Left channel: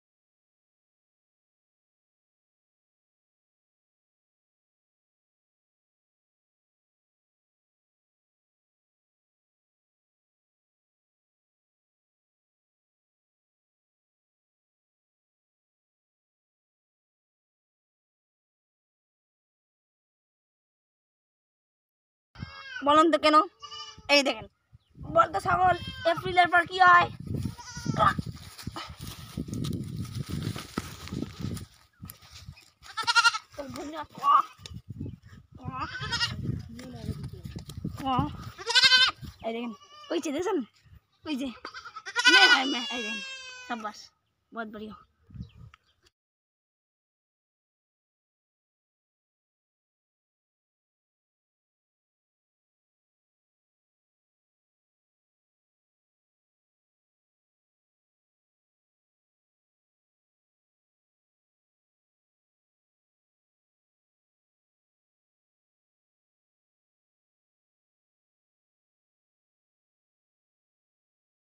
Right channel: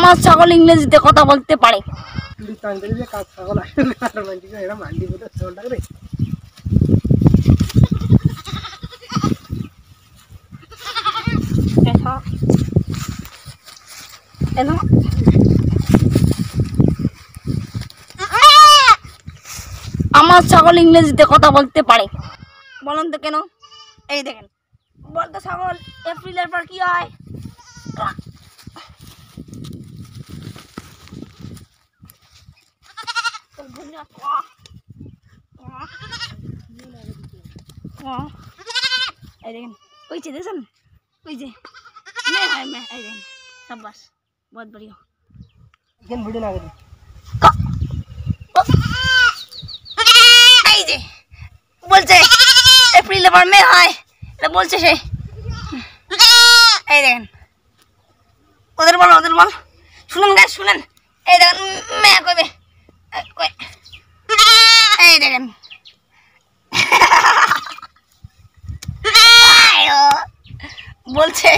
আমার ছাগল ইংরেজিতে কথা বলতে পারে। আমার ছাগল ইংরেজিতে কথা বলতে পারে, বলেন তো কেন? এই দেখেন, বলতো ছাগল এপ্রিলের পর কি হয়? এই দেখেন কইছে, দেখছেন কইছে মে হয় মে। এই দেখেন शाबाश, बहुत बढ़िया। ভিডিও না করি এই যে বলছে এপ্রিলের পর মে হয়, এটা বলছে সে। এই দেখেন ওদের বল, ওদের বল, শুনেন গাছ শুনেন। এই দেখেন মে কইবে, এই দেখেন বলছে